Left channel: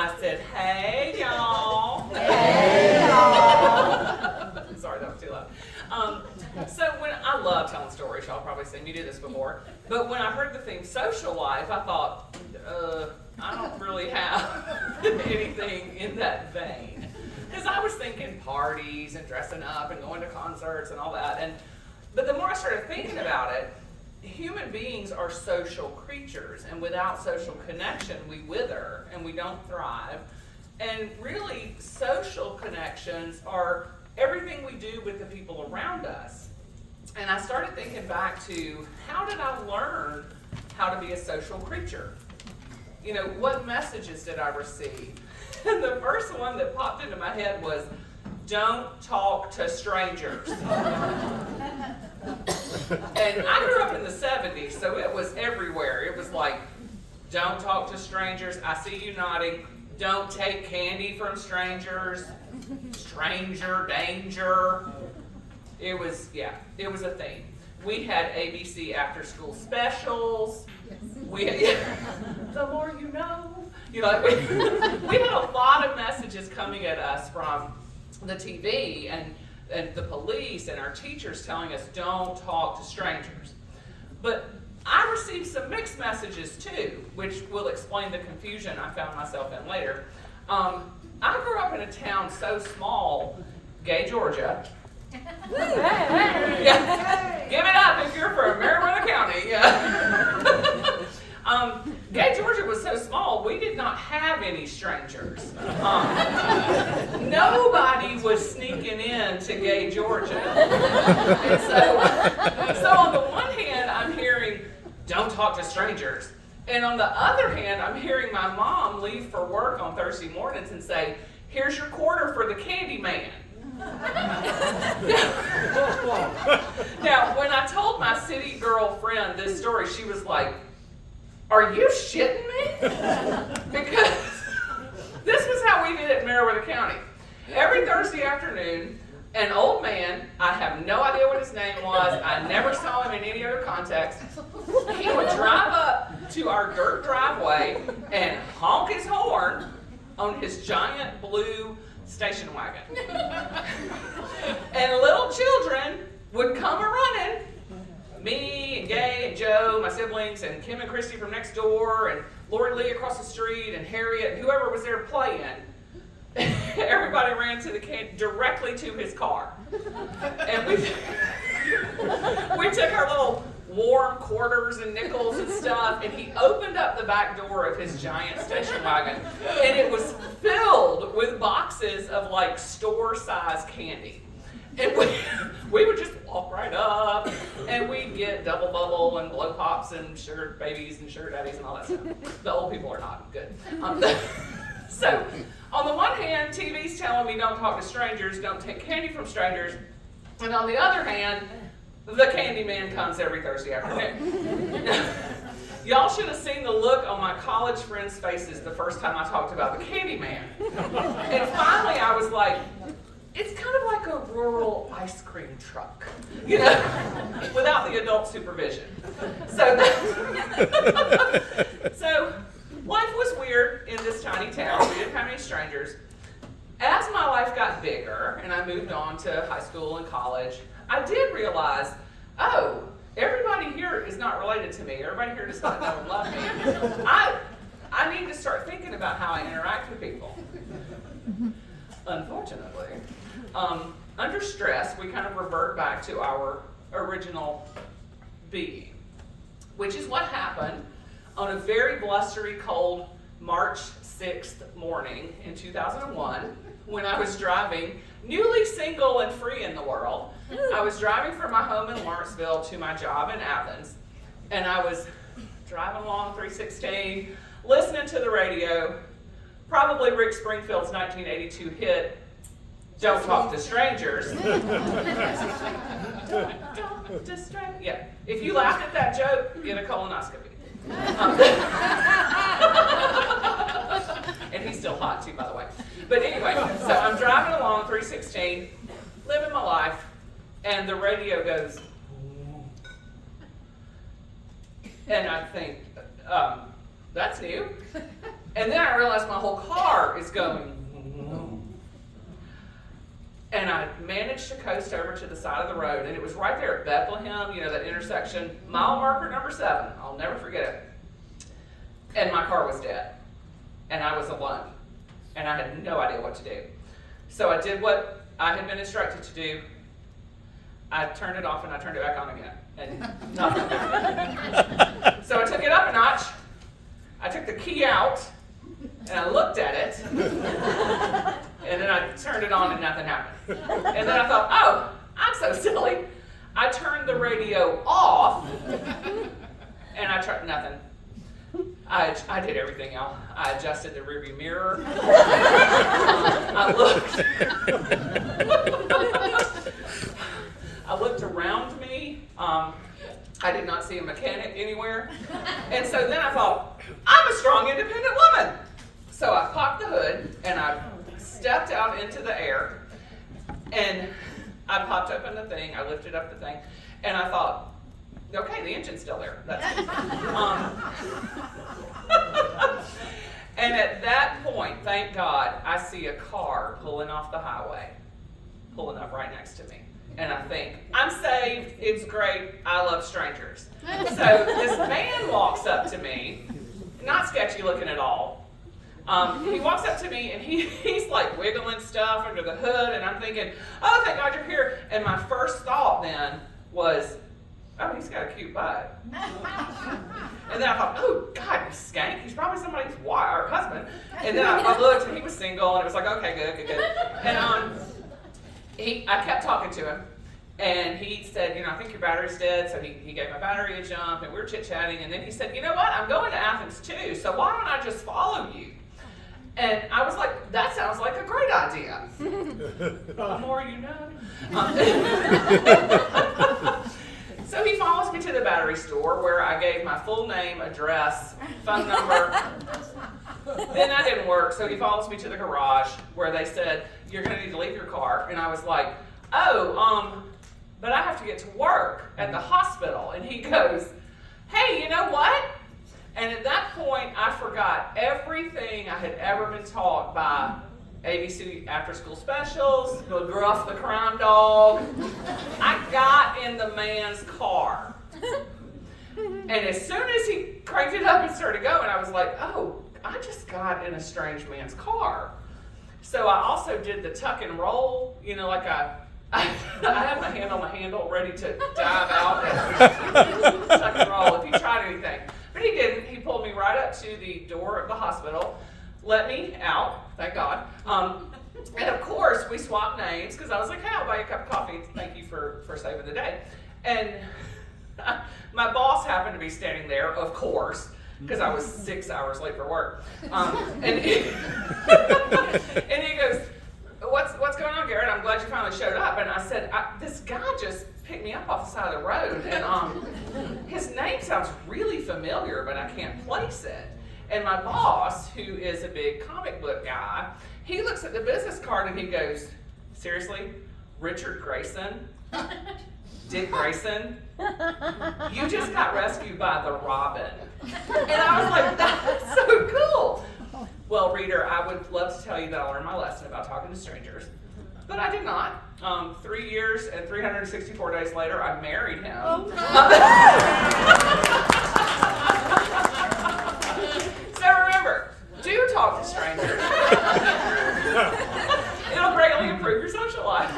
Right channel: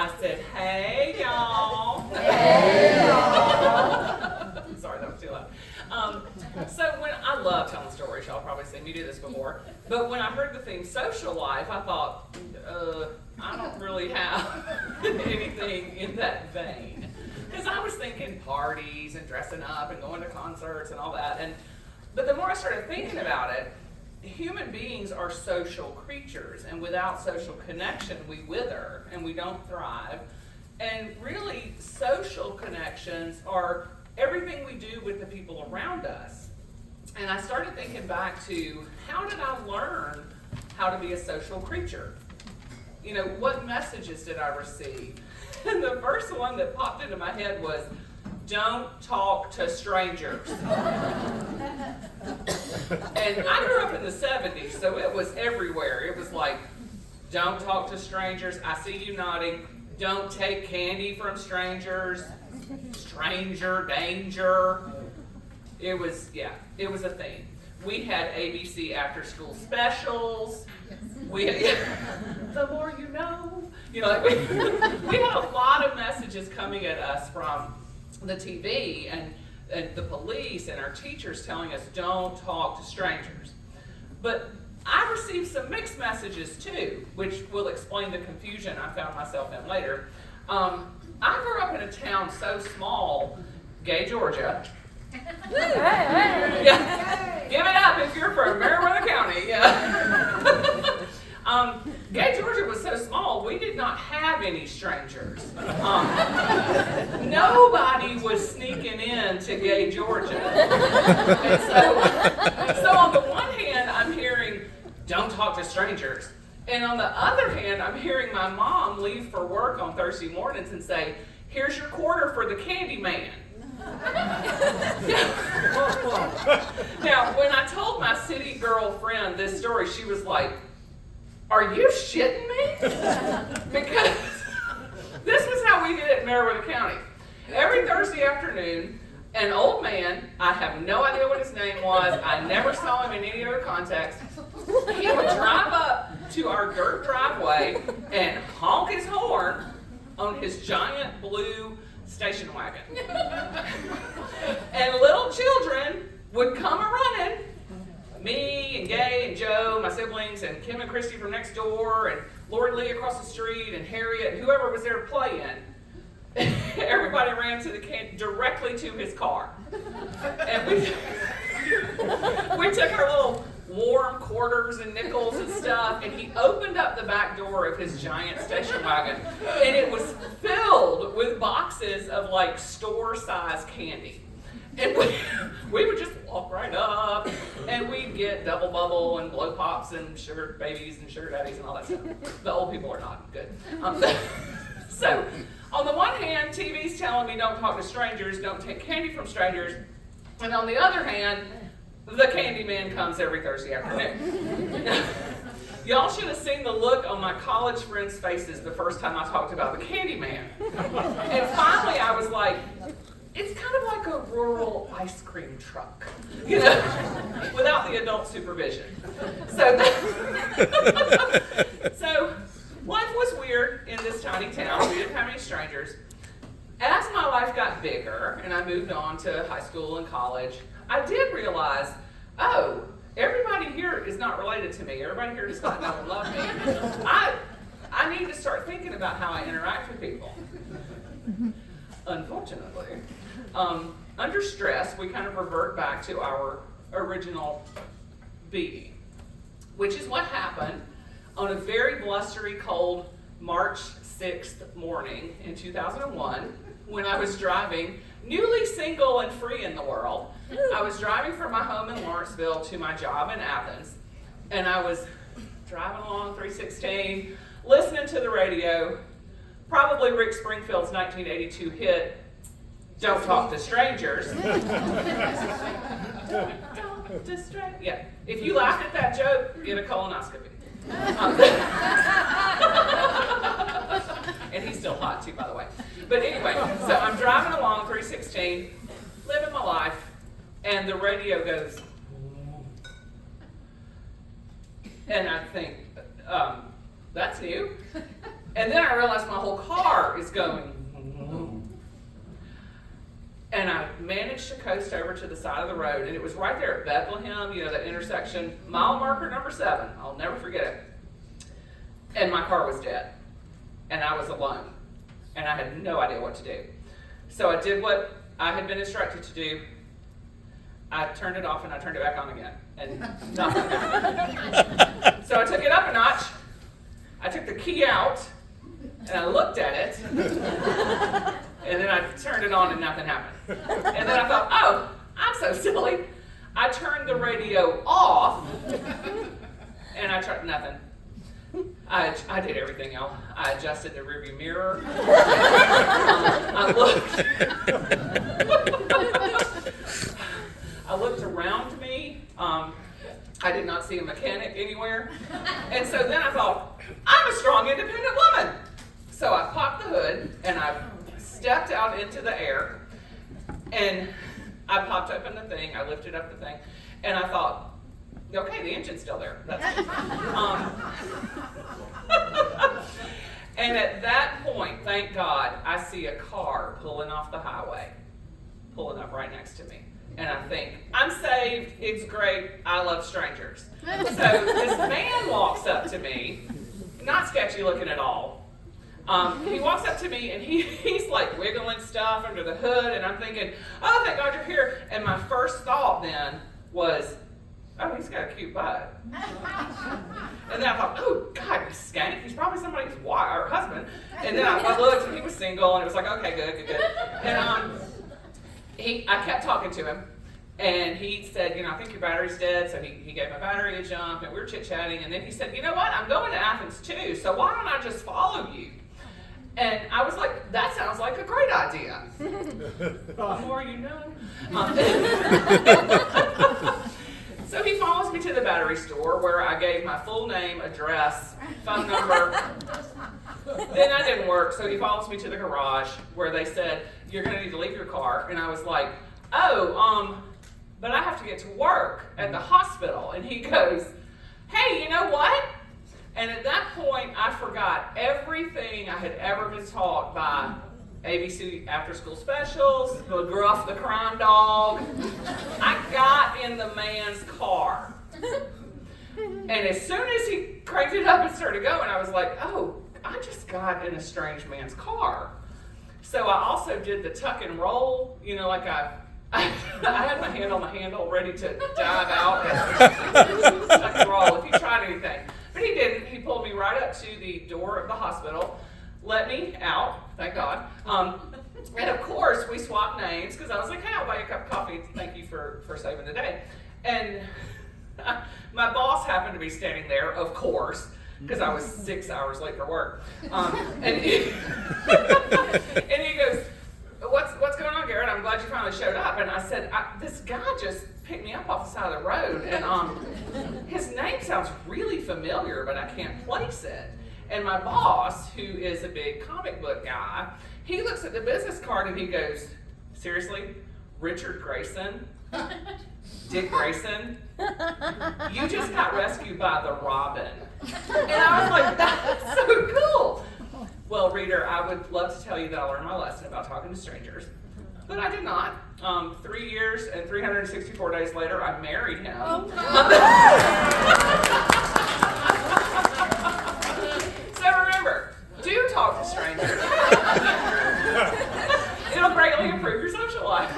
I said, hey, y'all. Hey, y'all. Sorry, that was too loud. So when I love telling stories, y'all probably seen me do this before, but when I heard the theme social life, I thought, I don't really have anything in that vein. Because I was thinking parties and dressing up and going to concerts and all that. But the more I started thinking about it, human beings are social creatures, and without social connection, we wither and we don't thrive. And really, social connections are everything we do with the people around us. And I started thinking back to, how did I learn how to be a social creature? You know, what messages did I receive? And the first one that popped into my head was, don't talk to strangers. And I grew up in the 70s, so it was everywhere. It was like, don't talk to strangers. I see you nodding. Don't take candy from strangers. Stranger danger. It was a thing. We had ABC after school specials. We had, the more you know. You know, like we had a lot of messages coming at us from the TV and the police and our teachers telling us, don't talk to strangers. But I received some mixed messages too, which will explain the confusion I found myself in later. I grew up in a town so small, Gay, Georgia. Yeah. Give it up if you're from Marietta County. Yeah. Gay, Georgia was so small, we did not have any strangers. Nobody was sneaking in to Gay, Georgia. And so on the one hand, I'm hearing, don't talk to strangers. And on the other hand, I'm hearing my mom leave for work on Thursday mornings and say, here's your quarter for the candy man. Now, when I told my city girl friend this story, she was like, are you shitting me? Because this was how we did it in Marietta County. Every Thursday afternoon, an old man, I have no idea what his name was, I never saw him in any other context, he would drive up to our dirt driveway and honk his horn on his giant blue station wagon. And little children would come a-running, me and Gay and Joe, my siblings, and Kim and Christy from next door, and Lori Lee across the street, and Harriet, and whoever was there playing. Everybody ran to directly to his car. And we took our little warm quarters and nickels and stuff, and he opened up the back door of his giant station wagon, and it was filled with boxes of like store-sized candy. And we would just walk right up, and we'd get Double Bubble and Blow Pops and Sugar Babies and Sugar Daddies and all that stuff. The old people are not good. So, on the one hand, TV's telling me don't talk to strangers, don't take candy from strangers, and on the other hand, the candy man comes every Thursday afternoon. Y'all should have seen the look on my college friends' faces the first time I talked about the candy man. And finally I was like, it's kind of like a rural ice cream truck, you know, without the adult supervision. So life was weird in this tiny town. We didn't have any strangers. As my life got bigger and I moved on to high school and college, I did realize, oh, everybody here is not related to me. Everybody here does not know and love me. I need to start thinking about how I interact with people. Unfortunately, under stress, we kind of revert back to our original being, which is what happened on a very blustery, cold March 6th morning in 2001 when I was driving, newly single and free in the world. I was driving from my home in Lawrenceville to my job in Athens, and I was driving along 316, listening to the radio, probably Rick Springfield's 1982 hit, Don't Talk to Strangers. Don't talk to strangers. Yeah, if you laughed at that joke, get a colonoscopy. And he's still hot too, by the way. But anyway, so I'm driving along 316, living my life, and the radio goes, and I think, that's new. And then I realized my whole car is going. And I managed to coast over to the side of the road, and it was right there at Bethlehem, you know, that intersection, mile marker number 7. I'll never forget it. And my car was dead. And I was alone. And I had no idea what to do. So I did what I had been instructed to do. I turned it off and I turned it back on again. And nothing happened. So I took it up a notch. I took the key out and I looked at it. And then I turned it on and nothing happened. And then I thought, oh, I'm so silly. I turned the radio off and I tried nothing. I did everything, y'all. I adjusted the rearview mirror. I looked around me. I did not see a mechanic anywhere. And so then I thought, I'm a strong, independent woman. So I popped the hood and I stepped out into the air and I popped open the thing. I lifted up the thing and I thought, okay, the engine's still there. That's good. And at that point, thank God, I see a car pulling off the highway, pulling up right next to me. And I think, I'm saved, it's great, I love strangers. So this man walks up to me, not sketchy looking at all. He walks up to me and he's like wiggling stuff under the hood, and I'm thinking, oh, thank God you're here. And my first thought then was, oh, he's got a cute butt. And then I thought, oh, God, he's skank. He's probably somebody's wife or husband. And then I looked and he was single, and it was like, okay, good. And I kept talking to him, and he said, you know, I think your battery's dead. So he gave my battery a jump, and we were chit-chatting. And then he said, you know what, I'm going to Athens too, so why don't I just follow you? And I was like, that sounds like a great idea. The more you know. So he follows me to the battery store where I gave my full name, address, phone number. Then that didn't work, so he follows me to the garage where they said, you're going to need to leave your car. And I was like, oh, but I have to get to work at the hospital. And he goes, hey, you know what? And at that point, I forgot everything I had ever been taught by ABC after school specials, McGruff the crime dog. I got in the man's car. And as soon as he cranked it up and started going, I was like, oh, I just got in a strange man's car. So I also did the tuck and roll, you know, like I had my hand on the handle ready to dive out and tuck and roll if he tried anything. But he didn't. He pulled me right up to the door of the hospital, let me out, thank God. And of course, we swapped names because I was like, hey, I'll buy you a cup of coffee. Thank you for saving the day. And my boss happened to be standing there, of course, because I was 6 hours late for work. And he goes, what's going on, Garrett? I'm glad you finally showed up. And I said, this guy just picked me up off the side of the road. And his name sounds really familiar, but I can't place it. And my boss, who is a big comic book guy, he looks at the business card and he goes, seriously, Richard Grayson? Dick Grayson? You just got rescued by the Robin. And I was like, that's so cool. Well, reader, I would love to tell you that I learned my lesson about talking to strangers, but I did not. 3 years and 364 days later, I married him. Oh, so remember, do talk to strangers. It'll greatly improve your social life.